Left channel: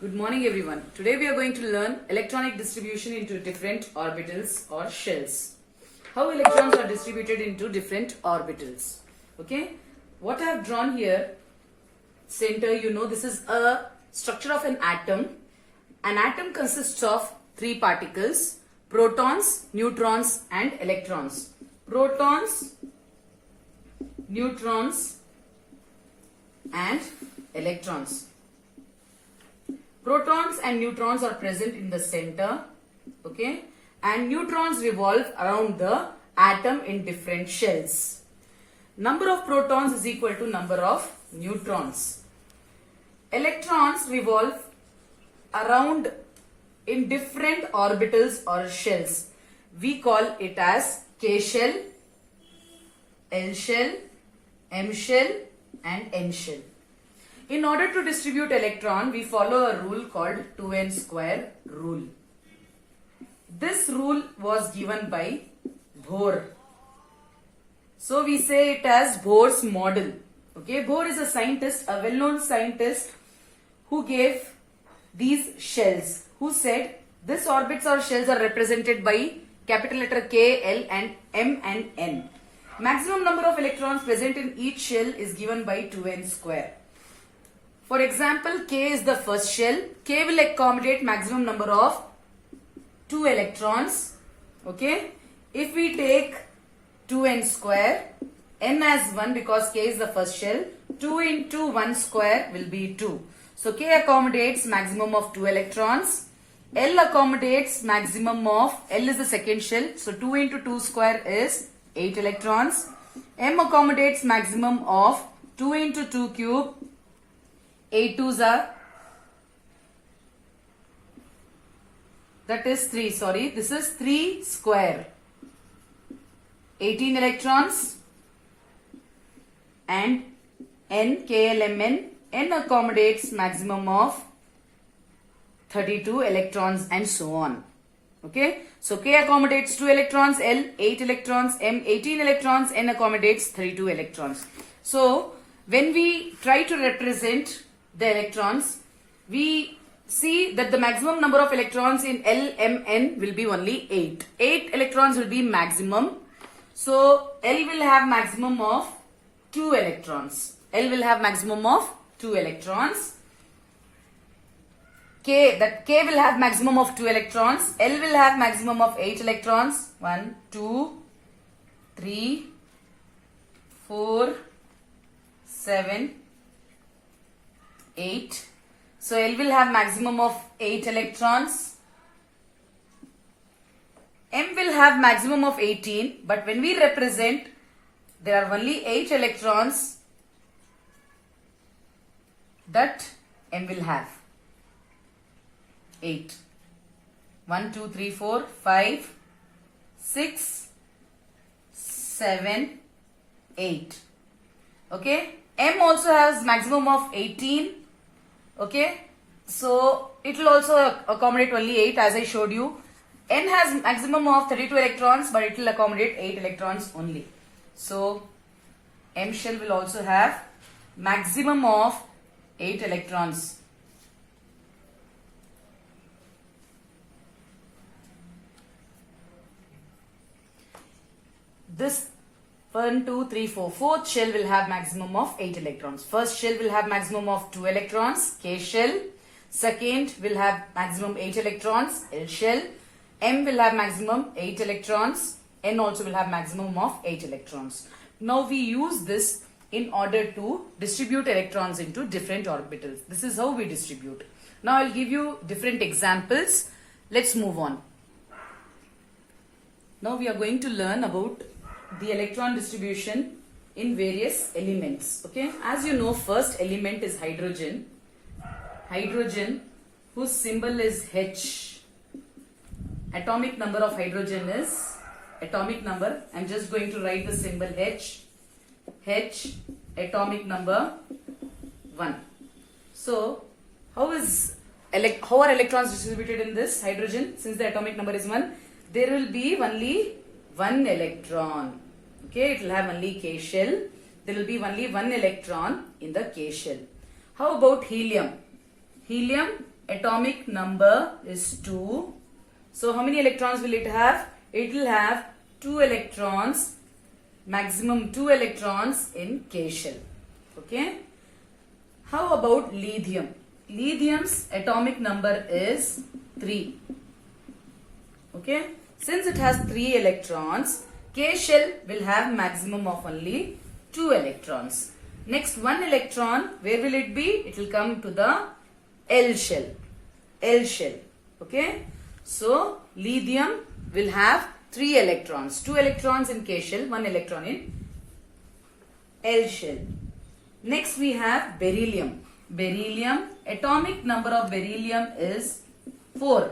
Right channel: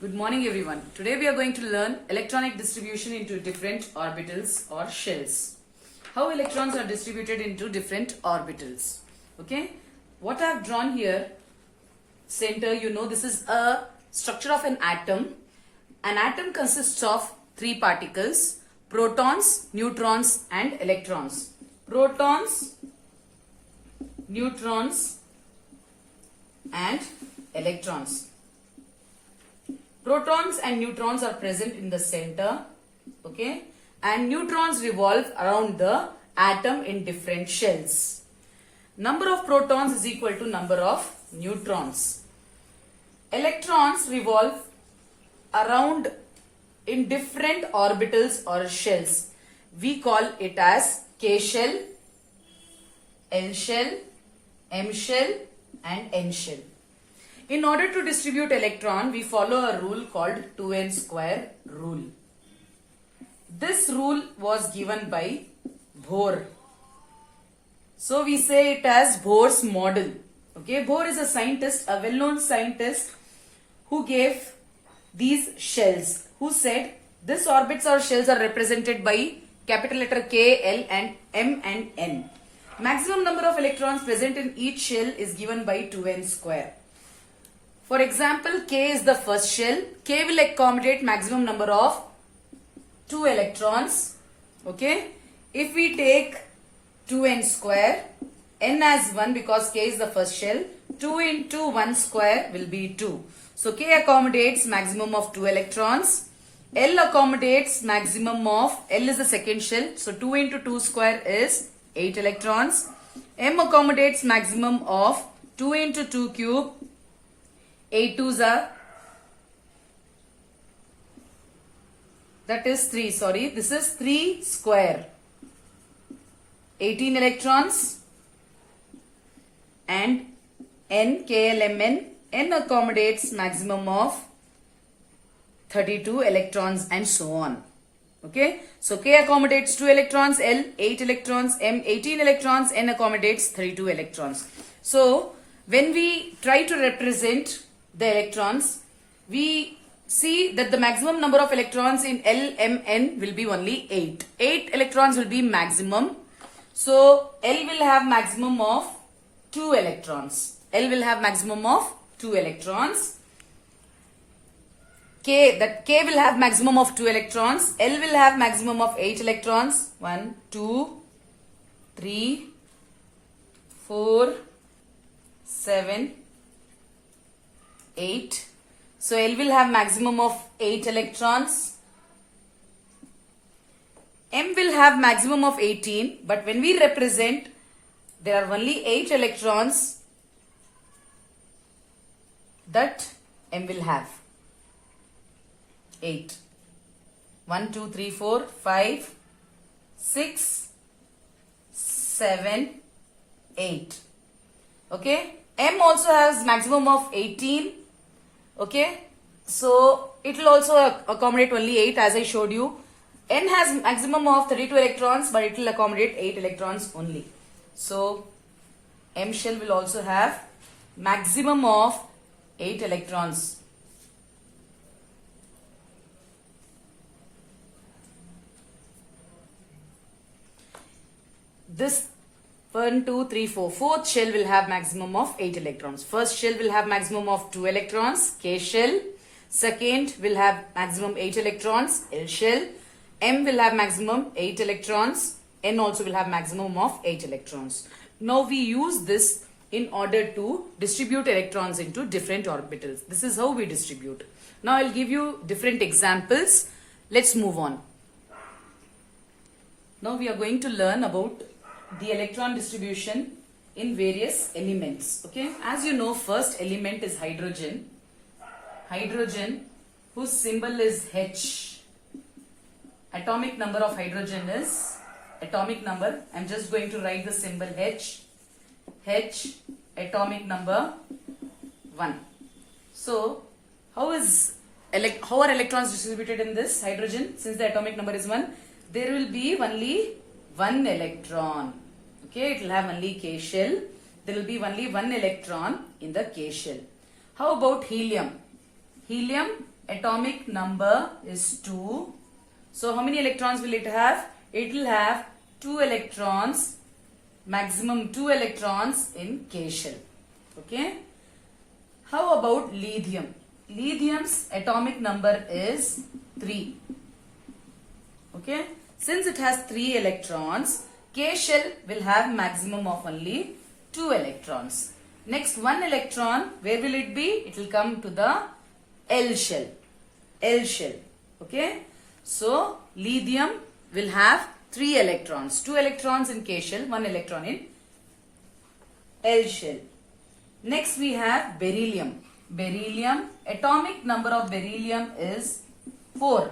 Good morning everyone. Today we are going to learn electronic distribution into different orbitals or shells. How electrons are distributed into different orbitals. Okay. What I have drawn here, center, this is a structure of an atom. An atom consists of three particles: protons, neutrons and electrons. Protons, neutrons and electrons. Protons and neutrons are present in the center, okay, and neutrons revolve around the atom in different shells. Number of protons is equal to number of neutrons. Electrons revolve around in different orbitals or shells. We call it as K shell, L shell, M shell and N shell. In order to distribute electron, we follow a rule called 2n square rule. This rule was given by Bohr. So we say it as Bohr's model. Okay, Bohr is a scientist, a well-known scientist who gave these shells, who said this orbits or shells are represented by capital letter K, L and M and N. Maximum number of electrons present in each shell is given by 2n square. For example, K is the first shell. K will accommodate maximum number of 2 electrons. Okay. If we take 2n square, n as 1 because K is the first shell, 2 into 1 square will be 2. So K accommodates maximum of 2 electrons. L accommodates maximum of, L is the second shell. So 2 into 2 square is 8 electrons. M accommodates maximum of 2 into 2 cube. 8 twos are, that is 3, sorry, this is 3 square. 18 electrons and N, KLMN, N accommodates maximum of 32 electrons and so on. Okay, so K accommodates 2 electrons, L 8 electrons, M 18 electrons, N accommodates 32 electrons. So when we try to represent the electrons, we see that the maximum number of electrons in L, M, N will be only 8. 8 electrons will be maximum. So L will have maximum of 2 electrons. L will have maximum of 2 electrons. K will have maximum of 2 electrons. L will have maximum of 8 electrons. 1, 2, 3, 4, 7, 8. So L will have maximum of 8 electrons. M will have maximum of 18, but when we represent, there are only 8 electrons that M will have. 8. 1, 2, 3, 4, 5, 6, 7, 8. Okay. M also has maximum of 18. Okay, so it will also accommodate only 8 as I showed you. N has maximum of 32 electrons, but it will accommodate 8 electrons only. So M shell will also have maximum of 8 electrons. This 1, 2, 3, 4. Fourth shell will have maximum of 8 electrons. First shell will have maximum of 2 electrons, K shell. Second will have maximum 8 electrons, L shell. M will have maximum 8 electrons. N also will have maximum of 8 electrons. Now we use this in order to distribute electrons into different orbitals. This is how we distribute. Now I'll give you different examples. Let's move on. Now we are going to learn about the electron distribution in various elements. Okay, as you know, first element is hydrogen. Hydrogen, whose symbol is H. Atomic number of hydrogen is atomic number. I'm just going to write the symbol H. H, atomic number 1. So how are electrons distributed in this hydrogen? Since the atomic number is 1, there will be only 1 electron. Okay, it will have only K shell. There will be only 1 electron in the K shell. How about helium? Helium, atomic number is 2. So how many electrons will it have? It will have 2 electrons, maximum 2 electrons in K shell. Okay. How about lithium? Lithium's atomic number is 3. Okay. Since it has 3 electrons, K shell will have maximum of only 2 electrons. Next 1 electron, where will it be? It will come to the L shell. L shell. Okay. So lithium will have 3 electrons. 2 electrons in K shell, 1 electron in L shell. Next we have beryllium. Beryllium, atomic number of beryllium is 4.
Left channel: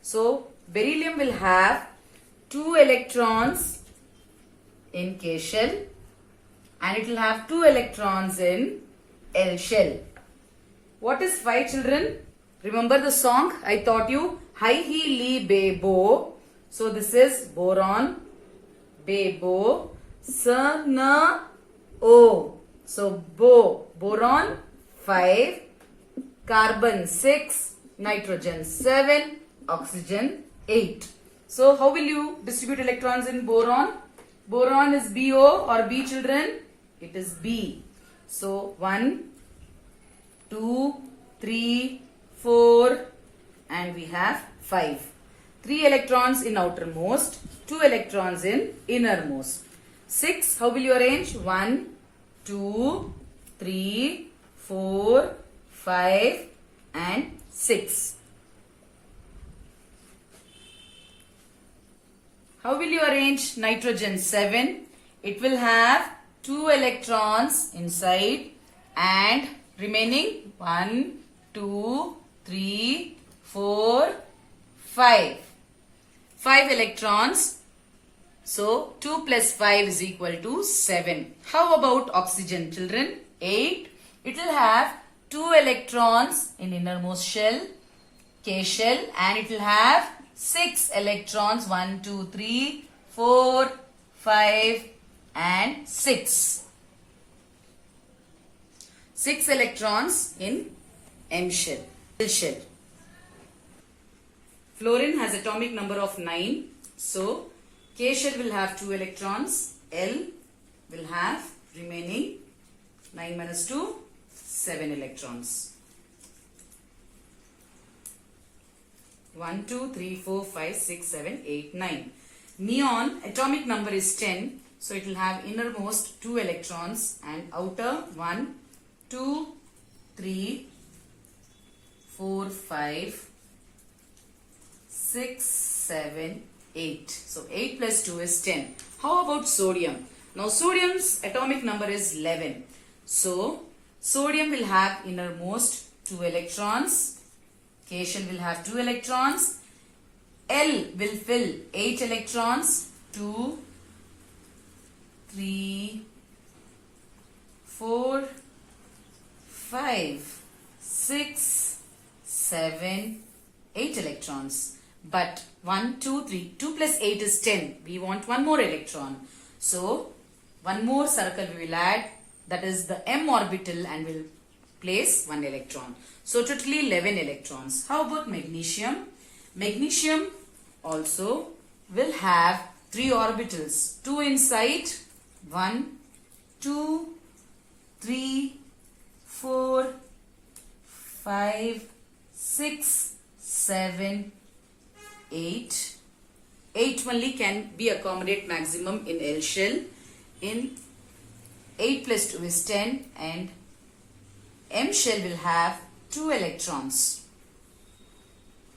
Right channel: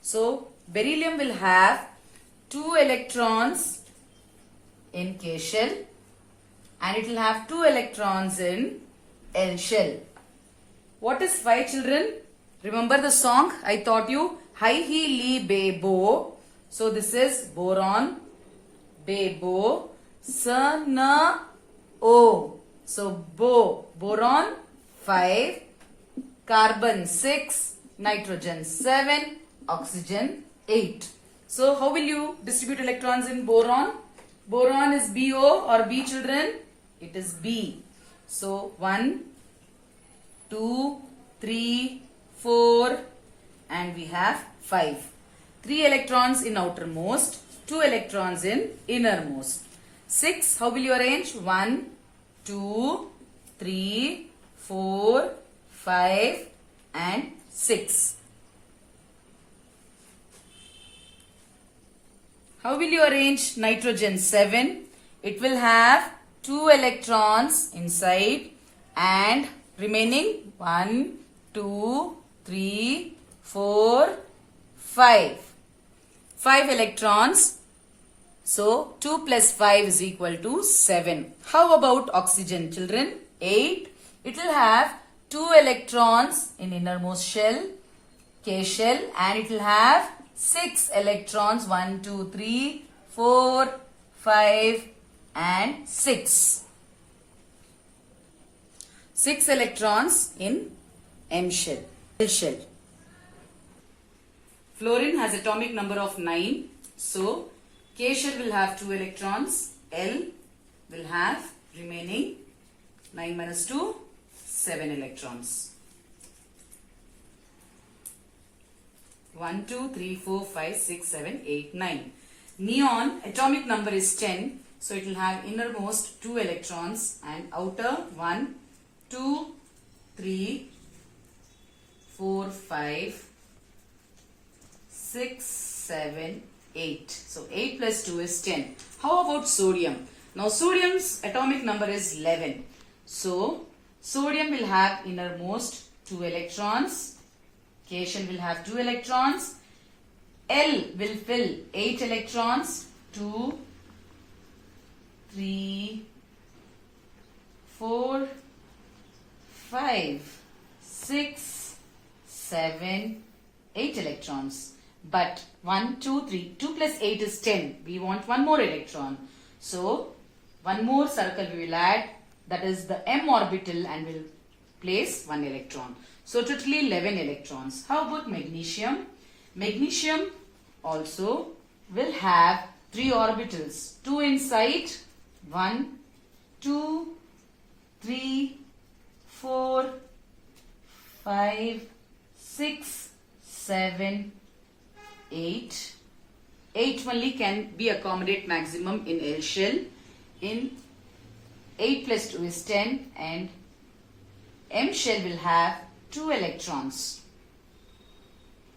So beryllium will have 2 electrons in K shell and it will have 2 electrons in L shell. What is 5, children? Remember the song I taught you? Hi he li be bo. So this is boron, be bo, sa na o. So boron 5, carbon 6, nitrogen 7, oxygen 8. So how will you distribute electrons in boron? Boron is BO or B, children? It is B. So 1, 2, 3, 4 and we have 5. 3 electrons in outermost, 2 electrons in innermost. 6, how will you arrange? 1, 2, 3, 4, 5 and 6. How will you arrange nitrogen? 7. It will have 2 electrons inside and remaining 1, 2, 3, 4, 5. 5 electrons. So 2 plus 5 is equal to 7. How about oxygen, children? 8. It will have 2 electrons in innermost shell, K shell, and it will have 6 electrons, 1, 2, 3, 4, 5 and 6. 6 electrons in M shell, L shell. Fluorine has atomic number of 9. So K shell will have 2 electrons, L will have remaining 9 minus 2, 7 electrons. 1, 2, 3, 4, 5, 6, 7, 8, 9. Neon atomic number is 10. So it will have innermost 2 electrons and outer 1, 2, 3, 4, 5, 6, 7, 8. So 8 plus 2 is 10. How about sodium? Now sodium's atomic number is 11. So sodium will have innermost 2 electrons. K shell will have 2 electrons. L will fill 8 electrons. 2, 3, 4, 5, 6, 7, 8 electrons. But 1, 2, 3, 2 plus 8 is 10. We want one more electron. So one more circle we will add. That is the M orbital and will place 1 electron. So totally 11 electrons. How about magnesium? Magnesium also will have 3 orbitals. 2 inside. 1, 2, 3, 4, 5, 6, 7, 8. 8 only can be accommodate maximum in L shell. In 8 plus 2 is 10 and M shell will have 2 electrons.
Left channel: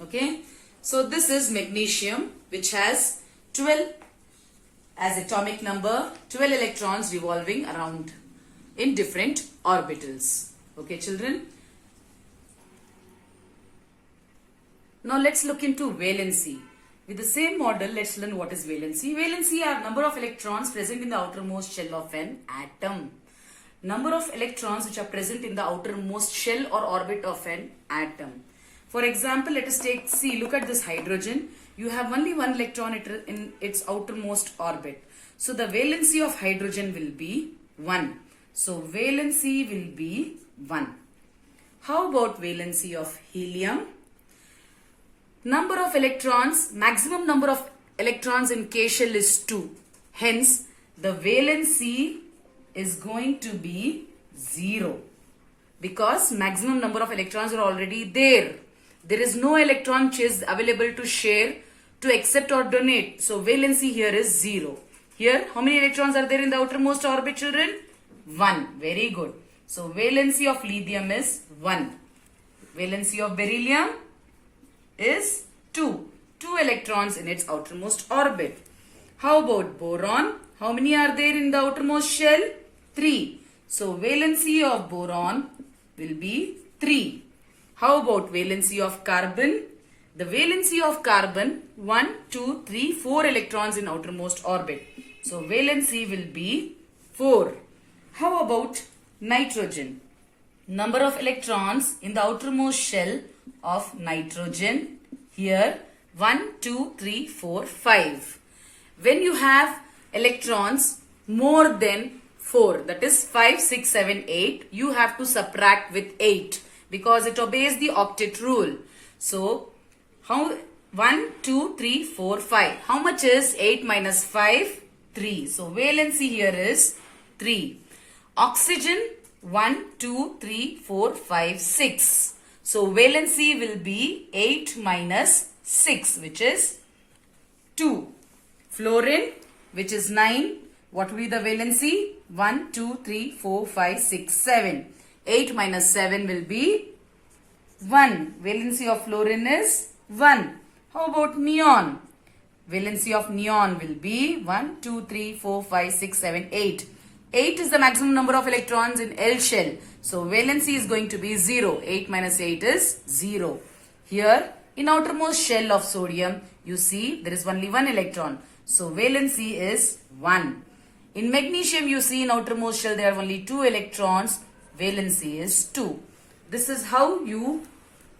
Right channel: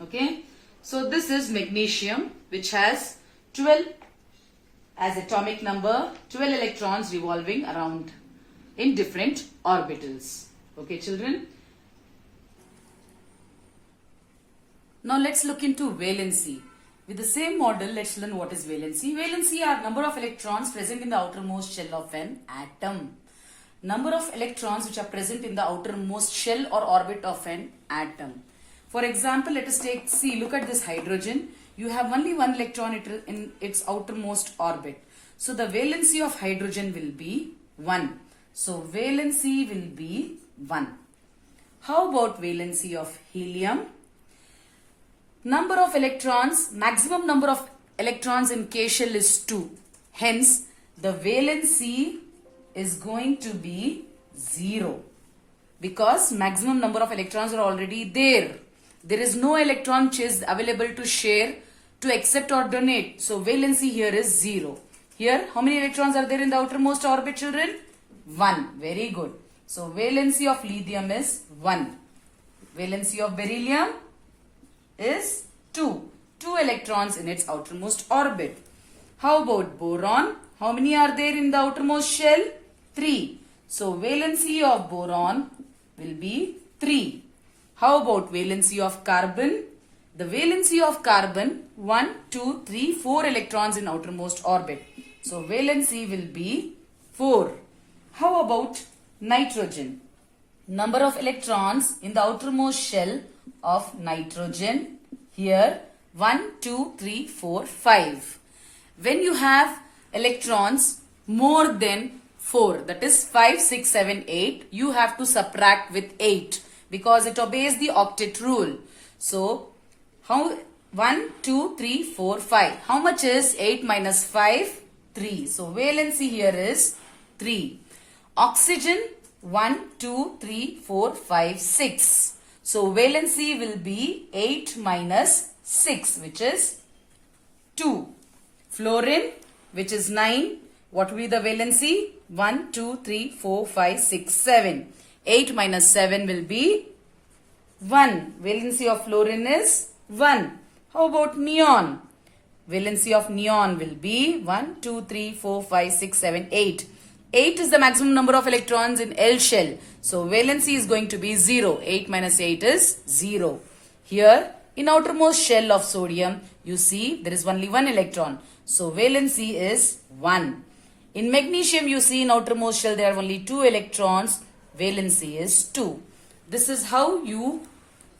Okay. So this is magnesium which has 12 as atomic number, 12 electrons revolving around in different orbitals. Okay, children. Now let's look into valency. With the same model, let's learn what is valency. Valency are number of electrons present in the outermost shell of an atom. Number of electrons which are present in the outermost shell or orbit of an atom. For example, let us take, look at this hydrogen. You have only 1 electron in its outermost orbit. So the valency of hydrogen will be 1. So valency will be 1. How about valency of helium? Number of electrons, maximum number of electrons in K shell is 2. Hence, the valency is going to be 0. Because maximum number of electrons are already there. There is no electron which is available to share, to accept or donate. So valency here is 0. Here, how many electrons are there in the outermost orbit, children? 1. Very good. So valency of lithium is 1. Valency of beryllium is 2. 2 electrons in its outermost orbit. How about boron? How many are there in the outermost shell? 3. So valency of boron will be 3. How about valency of carbon? The valency of carbon, 1, 2, 3, 4 electrons in outermost orbit. So valency will be 4. How about nitrogen? Number of electrons in the outermost shell of nitrogen. Here 1, 2, 3, 4, 5. When you have electrons more than 4, that is 5, 6, 7, 8, you have to subtract with 8 because it obeys the octet rule. So, 1, 2, 3, 4, 5. How much is 8 minus 5? 3. So, valency here is 3. Oxygen, 1, 2, 3, 4, 5, 6. So, valency will be 8 minus 6, which is 2. Fluorine, which is 9. What will be the valency? 1, 2, 3, 4, 5, 6, 7. 8 minus 7 will be 1. Valency of fluorine is 1. How about neon? Valency of neon will be 1, 2, 3, 4, 5, 6, 7, 8. 8 is the maximum number of electrons in L shell. So, valency is going to be 0. 8 minus 8 is 0. Here, in outermost shell of sodium, you see there is only 1 electron. So, valency is 1. In magnesium, you see in outermost shell there are only 2 electrons. Valency is 2. This is how you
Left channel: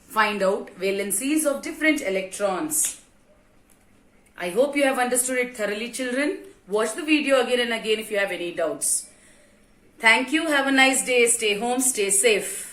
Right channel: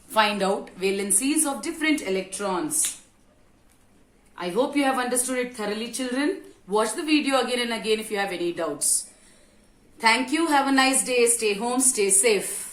find out valencies of different electrons. I hope you have understood it thoroughly, children. Watch the video again and again if you have any doubts. Thank you. Have a nice day. Stay home. Stay safe.